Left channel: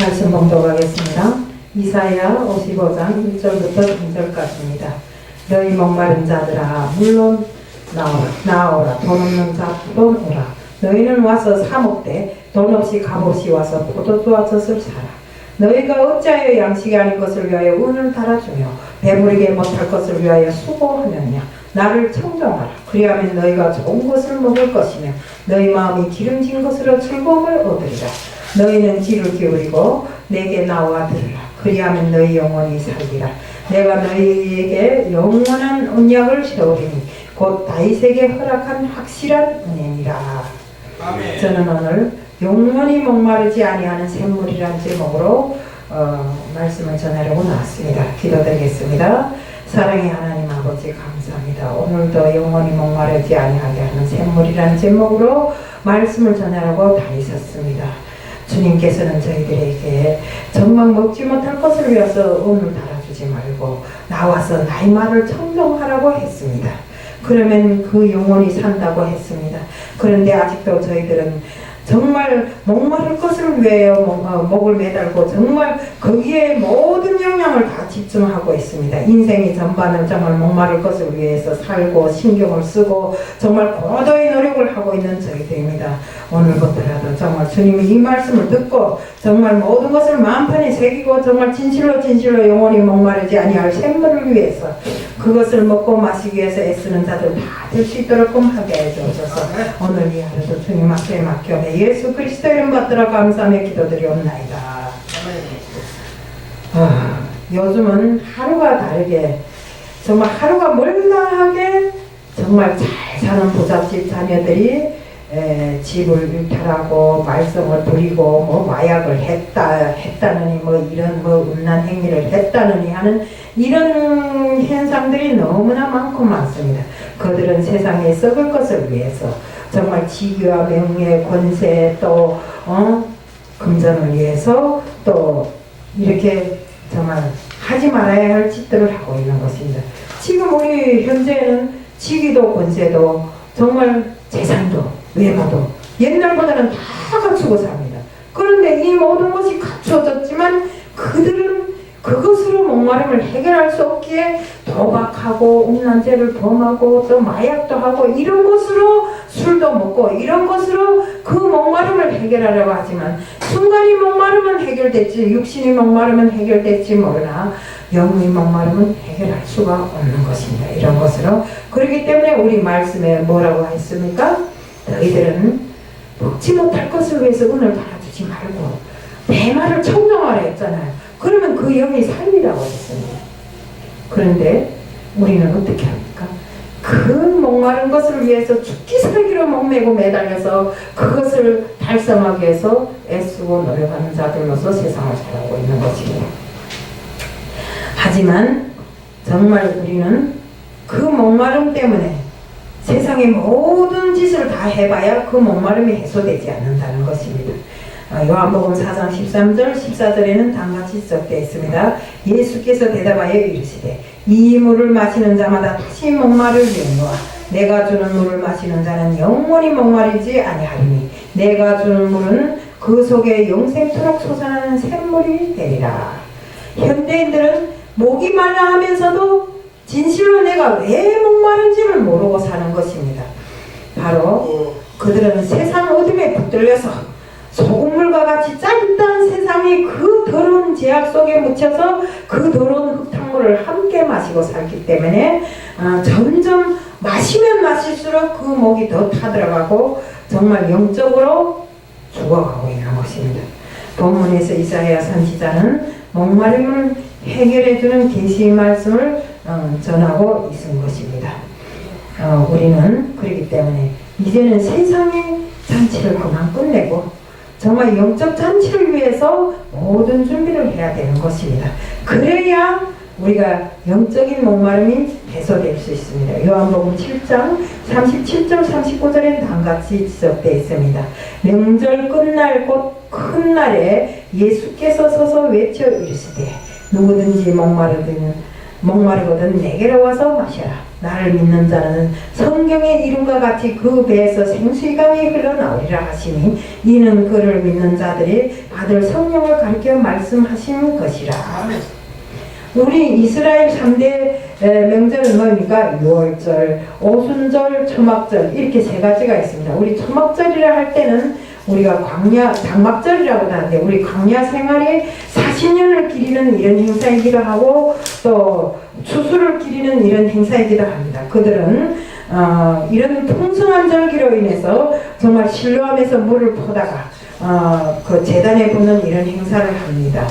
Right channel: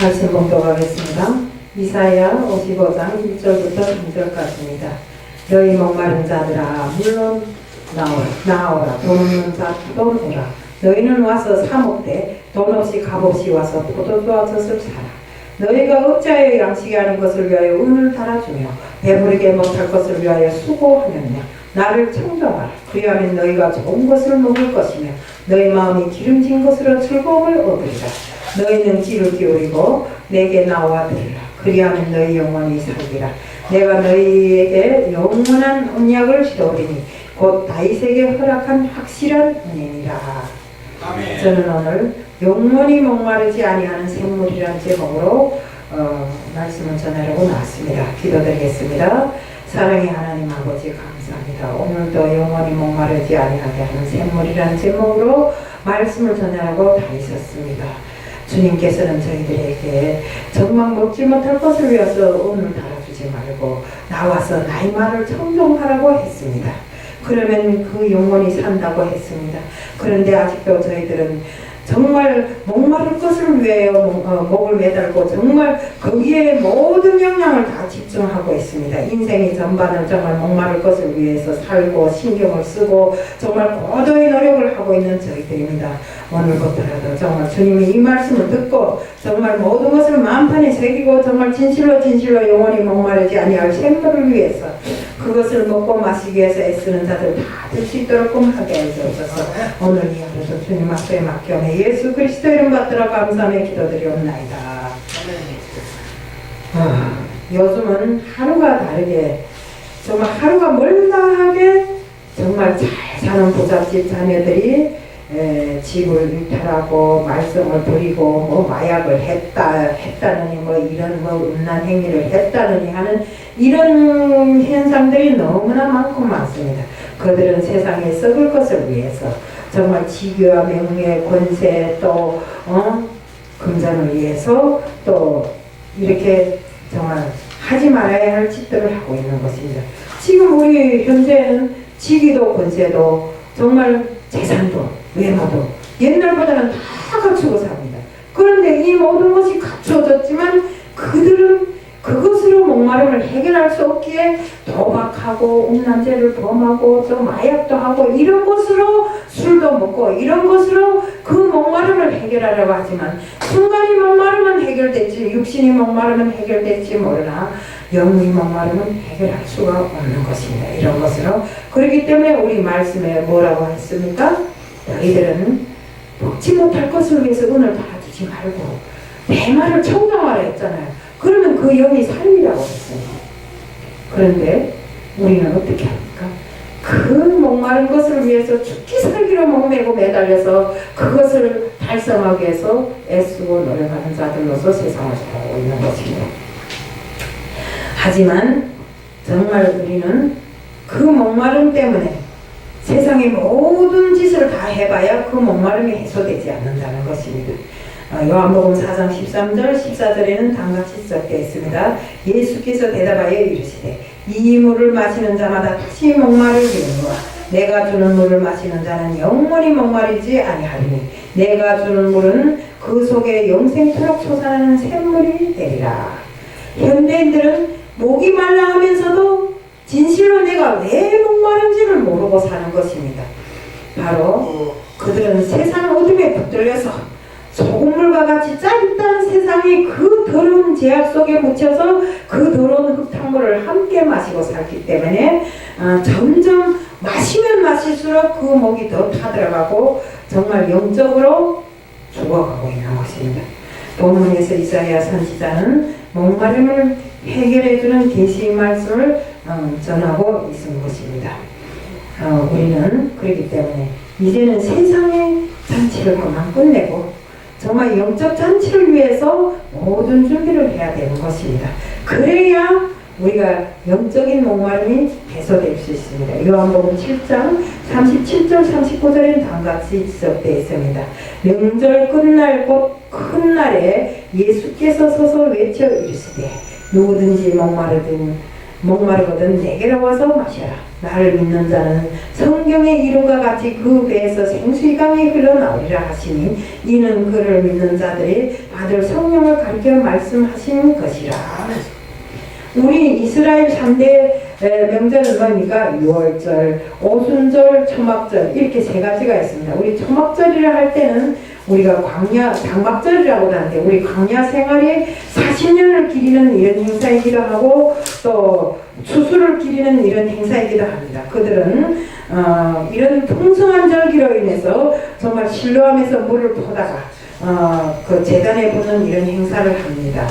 말씀 봉독하겠습니다. 이사야 55장 1절부터 3절까지입니다. 너희 목마른 자들아 물론 나오라. 돈 없는 자도 오라. 너희는 와서 사 먹되 돈 없이 값없이 와서 포도주와 젖을 사라. 너희가 어찌하여 양식이 아닌 것을 위하여 운을 달아주며 배부르게 못할 것을 위하여 수고하느냐. 나를 청정하라. 그리하면 너희가 좋은 것을 먹을 것이며 너희 마음이 기름진 것으로 즐거움을 얻으리라. 너희는 귀를 기울이고 내게 나와 들으라. 그리하면 너희 영혼이 살리라. 내가 너희에게 영원한 언약을 세우리니 곧 다윗에게 허락한 확실한 은혜니라. 아멘. 저는 오늘 영원히 목마르지 아니하는 샘물이라는 제목으로 말씀을 전하려고 나왔습니다. 기도드리겠습니다. 사랑의 하나님 아버지 감사합니다. 오늘도 영원히 목마르지 아니하게 하는 샘물이라는 제목으로 말씀을 전하려고 다니셨습니다. 주님께서는 저희들에게 정말 먹지 못할 것을 위해서 오늘 달아주지 말고 나와서 나의 말을 청정하라고 했습니다. 그러면 그 영혼이 산다고 했습니다. 그런데 아직도 저희들은 정말 목마를 것을 위하여 목을 매달고 정말 거기에 모든 영향을 다 집중하고 있습니다. 인생이 전반을 정말 목마를 것을 위해서 살고 신경을 쓰고 정말 고도의 노력을 하고 있는 저희들입니다. 오늘부터라도 정말 주님이 이 말씀을 듣고 정말 모든 것을 마음판에 새기고 정말 진실로 영원히 목마르지 아니할 샘물을 위해서 그것을 먹고 마시기 위해서 애쓰는 자들 다 들 수 있도록 하게 해주셔서 오늘 이 하루도 주님 앞에 맡겨내 예수 그리스도 이름 받들어 감사하며 기도드리옵나이다. 요즘은 하루가 다르게 정말 하루가 멀다하게 정말 잘 사는 부잣집 자녀들이 집을 일탈하고 말썽을 부리고 뭐 마약을 했다느니 뭐 이런 뭐 음란 행위를 했다느니 하는 이런 현상들이 너무나 많고 많습니다. 그들은 세상에 썩을 것을 위해서 정말 지위와 명예, 권세 또 금전을 위해서 또 이렇게 정말 하지 말아야 할 짓들을 하고 있는 것입니다. 지금 우리 현재는 지위도 권세도 정말 재산도 외모도 옛날보다는 다 갖추고 삽니다. 그런데 이 모든 것이 갖추어졌지만 그들은 그것으로 목마름을 해결할 수 없기에 도박하고 음란죄를 범하고 또 마약도 하고 이런 것으로 술도 먹고 이런 것으로 그 목마름을 해결하려고 하지만 순간이 목마름은 해결됐지 육신이 목마름은 해결됐지 모르나 영의 목마름은 해결할 수가 없는 것입니다. 이런 것으로 그렇기 때문에 우리 말씀에 뭐라고 했습니까? 너희들은 먹지 못할 것을 위해서 은을 달아주지 말고 내 말을 청정하라 했잖아요. 그러면 그 영이 살리라고 했습니다. 그런데 우리는 어떻게 합니까? 그 목마른 것을 위해서 죽기 살기로 목매고 매달려서 그것을 달성하기 위해서 애쓰고 노력하는 자들로서 세상을 살아가고 있는 것입니다. 하지만 정말 우리는 그 목마름 때문에 세상의 모든 짓을 다 해봐야 그 목마름이 해소되지 않는다는 것입니다. 요한복음 4장 13절 14절에는 다음같이 적되어 있습니다. 예수께서 대답하여 이르시되 이 물을 마시는 자마다 다시 목마르리니와 내가 주는 물을 마시는 자는 영원히 목마르지 아니하리니 내가 주는 물은 그 속에 영생토록 솟아나는 샘물이 되리라. 현대인들은 목이 말라 하면서도 진실로 내가 왜 목마른지를 모르고 사는 것입니다. 바로 그들은 세상 어둠에 붙들려서 소금물과 같이 짜릿한 세상이 그 더러운 제약 속에 묻혀서 그 더러운 흙탕물을 함께 마시고 살기 때문에 점점 마시면 마실수록 그 목이 더 타들어가고 정말 영적으로 죽어가고 있는 것입니다. 본문에서 이사야 선지자는 목마름을 해결해주는 계시의 말씀을 전하고 있는 것입니다. 우리는 그렇기 때문에 이제는 세상의 잔치를 그만 끝내고 정말 영적 잔치를 위해서 모든 준비를 해야 되는 것입니다. 그래야 우리가 영적인 목마름이 해소될 수 있습니다. 요한복음 7장 37절 39절에는 다음같이 지적되어 있습니다. 명절 끝날 곧 큰 날에 예수께서 서서 외쳐 이르시되 누구든지 목마르거든 내게로 와서 마셔라. 나를 믿는 자는 성경의 이름과 같이 그 배에서 생수강이 흘러나오리라 하시니 이는 그를 믿는 자들이 받을 성령을 가리켜 말씀하신 것이라. 우리 이스라엘 3대 명절은 뭡니까? 유월절, 오순절, 초막절 이렇게 세 가지가 있습니다. 우리 초막절이라 할 때는 우리가 광야, 장막절이라고 하는데 우리 광야 생활에 40년을 기리는 이런 행사이기도 하고 또 추수를 기리는 이런 행사이기도 합니다. 그들은 이런 풍성한 절기로 인해서 정말 실로암에서 물을 퍼다가 그 제단에 붓는 이런 행사를 합니다.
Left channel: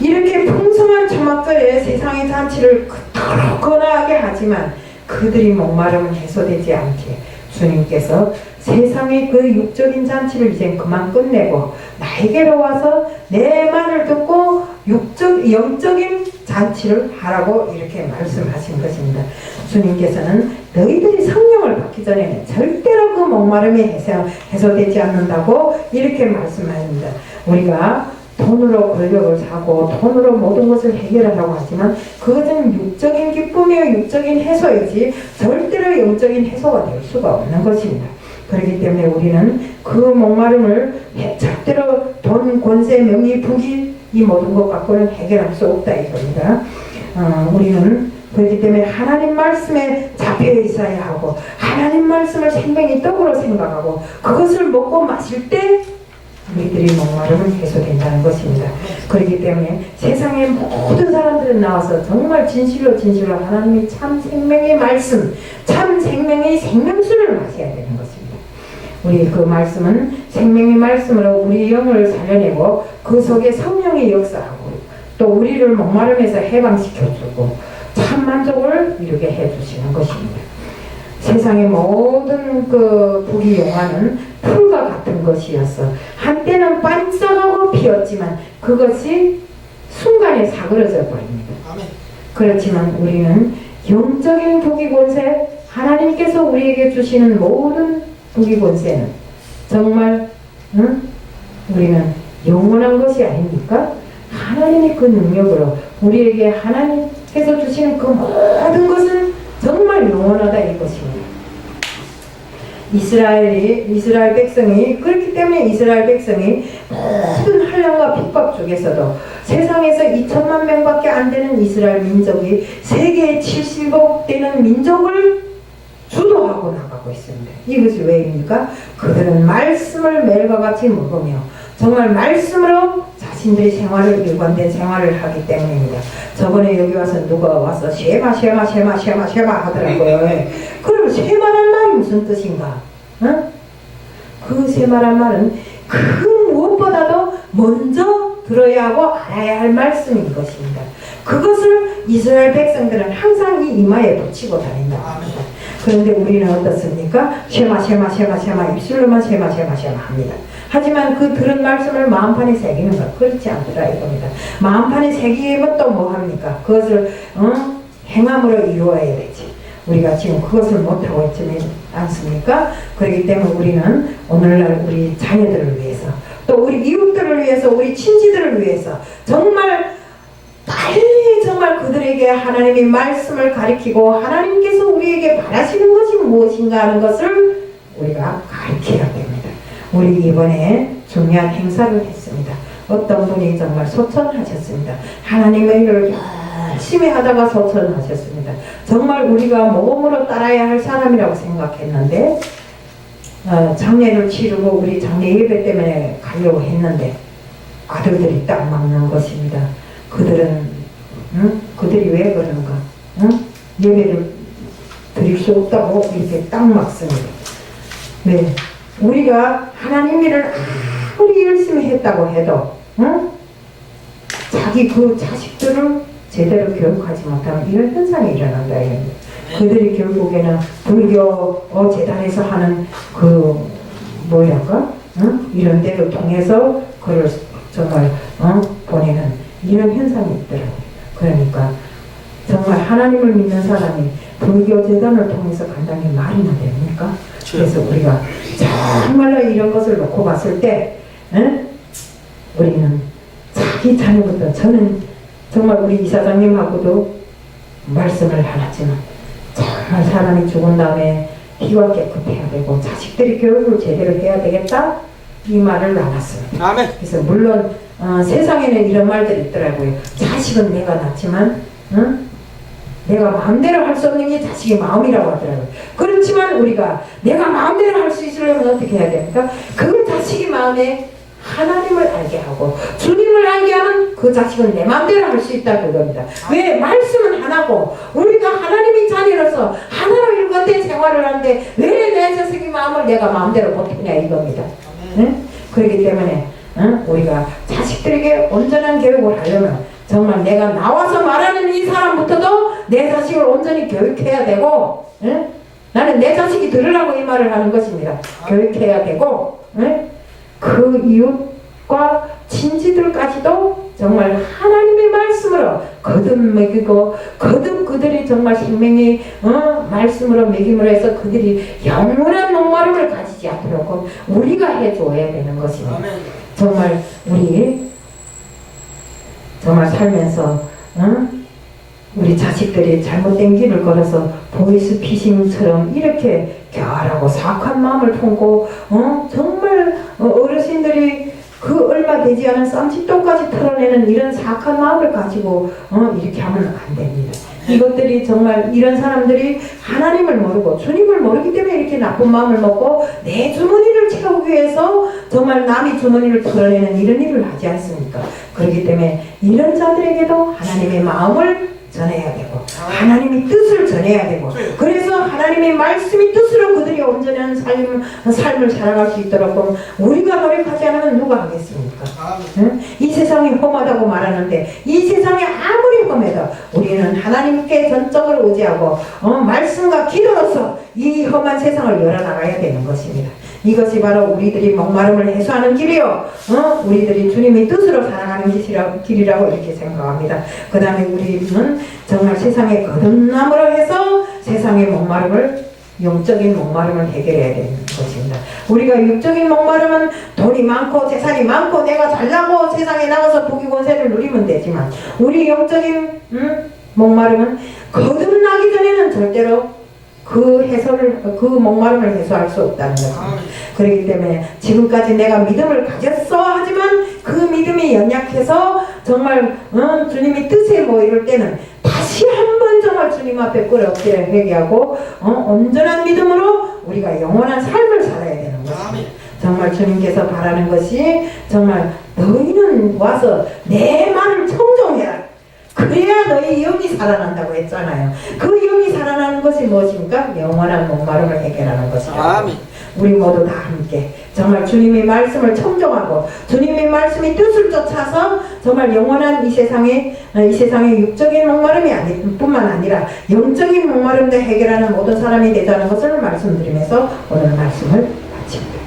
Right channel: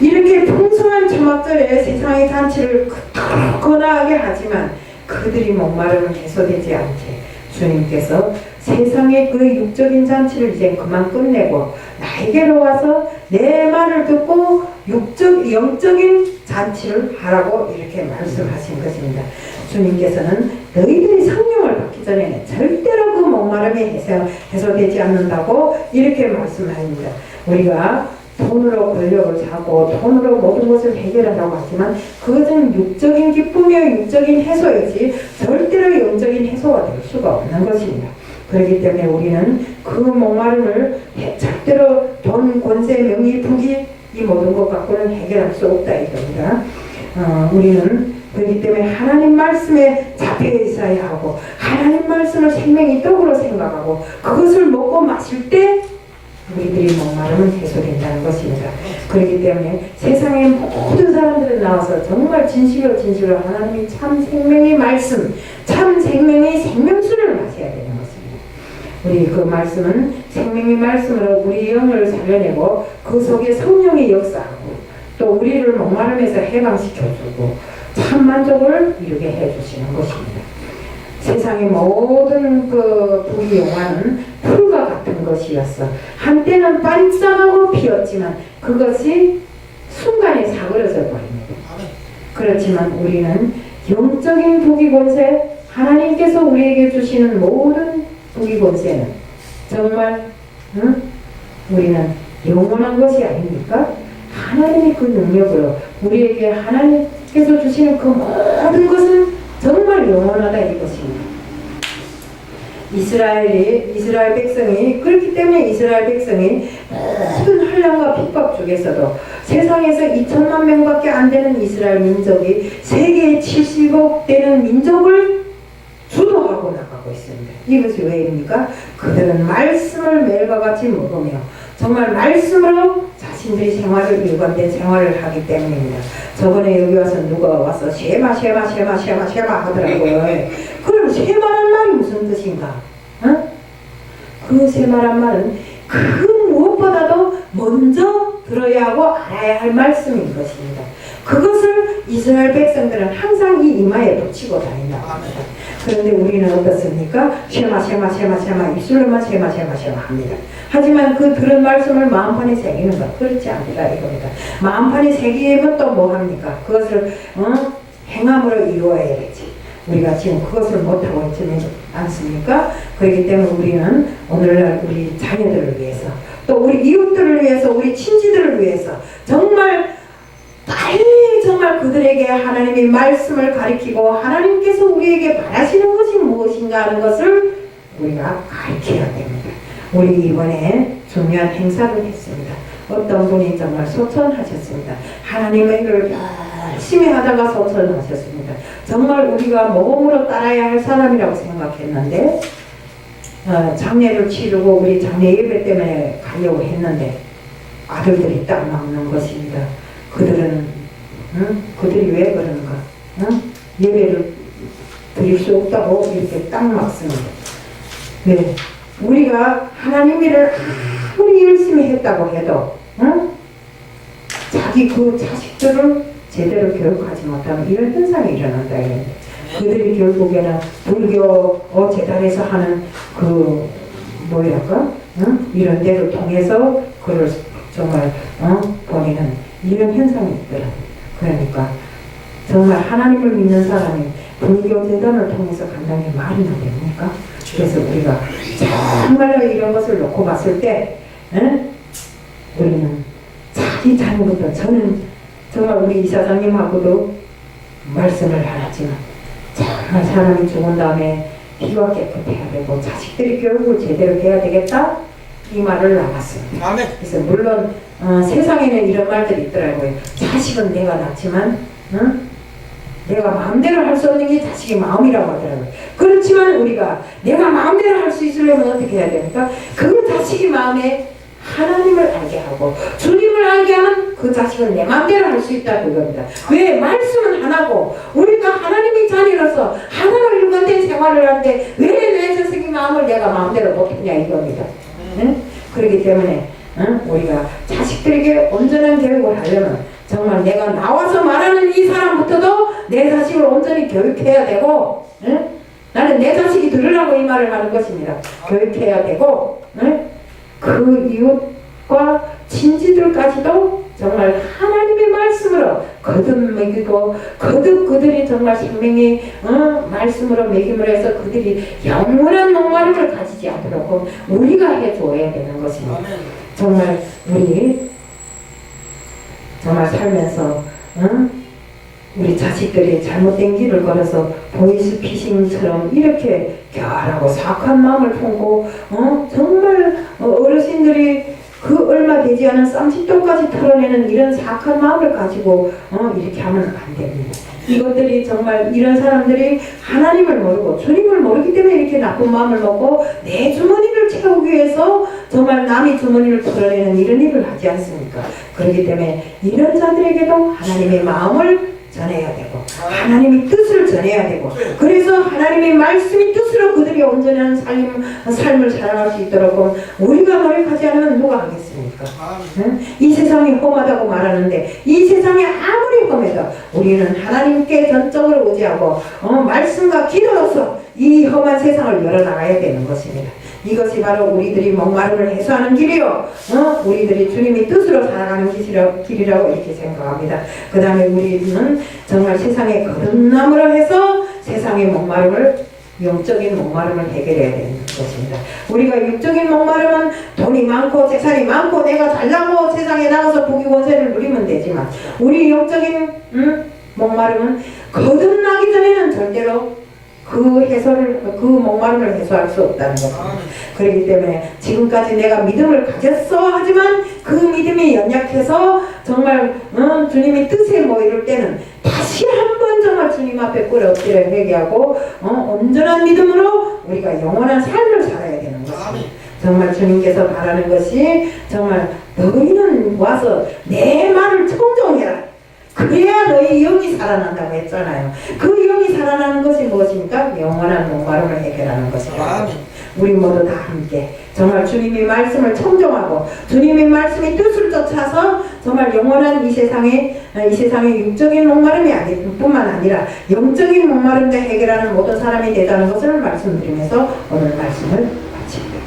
이렇게 풍성한 초막절에 세상의 잔치를 그토록 거나하게 하지만 그들이 목마름은 해소되지 않게 주님께서 세상의 그 육적인 잔치를 이제 그만 끝내고 나에게로 와서 내 말을 듣고 영적인 잔치를 하라고 이렇게 말씀하신 것입니다. 주님께서는 너희들이 성령을 받기 전에는 절대로 그 목마름이 해소되지 않는다고 이렇게 말씀합니다. 우리가 돈으로 권력을 사고 돈으로 모든 것을 해결하라고 하지만 그것은 육적인 기쁨이요 육적인 해소이지 절대로 영적인 해소가 될 수가 없는 것입니다. 그렇기 때문에 우리는 그 목마름을 절대로 돈, 권세, 명예, 부귀 이 모든 것 갖고는 해결할 수 없다 이겁니다. 우리는 그렇기 때문에 하나님 말씀에 잡혀 있어야 하고 하나님 말씀을 생명의 떡으로 생각하고 그것을 먹고 마실 때 우리들이 목마름은 해소된다는 것입니다. 그렇기 때문에 세상의 모든 사람들이 나와서 정말 진실로 하나님의 참 생명의 말씀, 참 생명의 생명수를 마셔야 되는 것입니다. 우리 그 말씀은 생명의 말씀으로 우리 영을 살려내고 그 속에 성령의 역사하고 또 우리를 목마름에서 해방시켜주고 참 만족을 이루게 해주시는 것입니다. 세상의 모든 그 부귀영화는 풀과 같은 것이었어. 한때는 반짝하고 피었지만 그것이 순간에 사그러져 버립니다. 그렇지만 우리는 영적인 부귀권세, 하나님께서 우리에게 주시는 모든 부귀권세는 정말 우리는 영원한 것이 아닙니까? 하나님의 그 능력으로 우리에게 하나님께서 주시는 그 모든 것은 정말 영원하다 이것입니다. 이스라엘 백성이 그렇기 때문에 이스라엘 백성이 모든 환난과 핍박 중에서도 세상에서 2천만 명밖에 안 되는 이스라엘 민족이 세계의 70억 되는 민족을 주도하고 나가고 있습니다. 이것이 왜입니까? 그들은 말씀을 매일과 같이 먹으며 정말 말씀으로 자신들의 생활을 일관된 생활을 하기 때문입니다. 저번에 여기 와서 누가 와서 쉐마 하더라고요. 그럼 쉐마란 말이 무슨 뜻인가? 그 쉐마란 말은 그 무엇보다도 먼저 들어야 하고 알아야 할 말씀인 것입니다. 그것을 이스라엘 백성들은 항상 이 이마에 붙이고 다닌다고 합니다. 그런데 우리는 어떻습니까? 쉐마 입술로만 쉐마 합니다. 하지만 그 들은 말씀을 마음판에 새기는 것 그렇지 않다 이겁니다. 마음판에 새기면 또 뭐 합니까? 그것을 행함으로 이루어야 되지. 우리가 지금 그것을 못하고 있지 않습니까? 그렇기 때문에 우리는 오늘날 우리 자녀들을 위해서 또 우리 이웃들을 위해서 우리 친지들을 위해서 정말 빨리 정말 그들에게 하나님의 말씀을 가리키고 하나님께서 우리에게 바라시는 것이 무엇인가 하는 것을 우리가 가르쳐야 됩니다. 우리 이번에 중요한 행사를 했습니다. 어떤 분이 정말 소천하셨습니다. 하나님의 일을 열심히 하다가 소천하셨습니다. 정말 우리가 몸으로 따라야 할 사람이라고 생각했는데 장례를 치르고 우리 장례 예배 때문에 가려고 했는데 아들들이 딱 막는 것입니다. 그들이 왜 그런가? 예배를 드릴 수 없다고 이렇게 딱 막습니다. 네, 우리가 하나님 일을 아무리 열심히 했다고 해도 자기 그 자식들을 제대로 교육하지 못하면 이런 현상이 일어난다. 그들이 결국에는 불교 재단에서 하는 그 뭐랄까 이런 데를 통해서 그를 정말 보내는 이런 현상이 있더라고요. 그러니까 정말 하나님을 믿는 사람이 불교 재단을 통해서 간다는 게 말이나 됩니까? 그래서 우리가 정말로 이런 것을 놓고 봤을 때 우리는 자기 자녀부터 저는 정말 우리 이사장님하고도 말씀을 안 하지만 정말 사람이 죽은 다음에 피가 깨끗해야 되고 자식들이 교육을 제대로 해야 되겠다 이 말을 나눴습니다. 아멘. 그래서 물론 세상에는 이런 말들이 있더라고요. 자식은 내가 낳지만 내가 마음대로 할 수 없는 게 자식의 마음이라고 하더라고요. 그렇지만 우리가 내가 마음대로 할 수 있으려면 어떻게 해야 됩니까? 그 자식의 마음에 하나님을 알게 하고 주님을 알게 하면 그 자식은 내 마음대로 할 수 있다 그겁니다. 왜? 말씀은 하나고 우리가 하나님의 자녀로서 하나로 일관된 생활을 하는데 왜 내 자식의 마음을 내가 마음대로 못하냐 이겁니다. 응? 그렇기 때문에 우리가 자식들에게 온전한 교육을 하려면 정말 내가 나와서 말하는 이 사람부터도 내 자식을 온전히 교육해야 되고 나는 내 자식이 들으라고 이 말을 하는 것입니다. 교육해야 되고 그 이웃과 친지들까지도 정말 하나님의 말씀으로 거듭 먹이고 거듭 그들이 정말 생명의 말씀으로 먹임을 해서 그들이 영원한 목마름을 가지지 않도록 우리가 해줘야 되는 것입니다. 정말 우리 정말 살면서 우리 자식들이 잘못된 길을 걸어서 보이스피싱처럼 이렇게 교활하고 사악한 마음을 품고 정말 어르신들이 그 얼마 되지 않은 쌈짓돈까지 털어내는 이런 사악한 마음을 가지고 이렇게 하면 안 됩니다. 이것들이 정말 이런 사람들이 하나님을 모르고 주님을 모르기 때문에 이렇게 나쁜 마음을 먹고 내 주머니를 채우기 위해서 정말 남의 주머니를 털어내는 이런 일을 하지 않습니까? 그렇기 때문에 이런 자들에게도 하나님의 마음을 전해야 되고 하나님의 뜻을 전해야 되고 그래서 하나님의 말씀의 뜻으로 그들이 온전한 삶을 살아갈 수 있도록 우리가 노력하지 않으면 누가 하겠습니까? 이 세상이 험하다고 말하는데 이 세상이 아무리 험해도 우리는 하나님께 전적으로 의지하고 말씀과 기도로서 이 험한 세상을 열어나가야 되는 것입니다. 이것이 바로 우리들이 목마름을 해소하는 길이요 우리들이 주님의 뜻으로 살아가는 길이라고 이렇게 생각합니다. 그 다음에 우리는 정말 세상의 거듭남으로 해서 세상의 목마름을 영적인 목마름을 해결해야 되는 것입니다. 우리가 육적인 목마름은 돈이 많고 재산이 많고 내가 잘나고 세상에 나가서 부귀 권세를 누리면 되지만 우리 영적인 목마름은 거듭나기 전에는 절대로 그 목마름을 해소할 수 없다는 것입니다. 그렇기 때문에 지금까지 내가 믿음을 가졌어 하지만 그 믿음이 연약해서 정말 주님의 뜻에 뭐 이럴 때는 다시 한번 정말 주님 앞에 꿇어 엎드려 회개하고 온전한 믿음으로 우리가 영원한 삶을 살아야 되는 것입니다. 정말 주님께서 바라는 것이 정말 너희는 와서 내 말을 청종해라. 그래야 너희 영이 살아난다고 했잖아요. 그 영이 살아나는 것이 무엇입니까? 영원한 목마름을 해결하는 것이다. 우리 모두 다 함께 정말 주님의 말씀을 청종하고 주님의 말씀의 뜻을 쫓아서 정말 영원한 이 세상의 육적인 목마름이 뿐만 아니라 영적인 목마름도 해결하는 모든 사람이 되자는 것을 말씀드리면서 오늘 말씀을 마칩니다.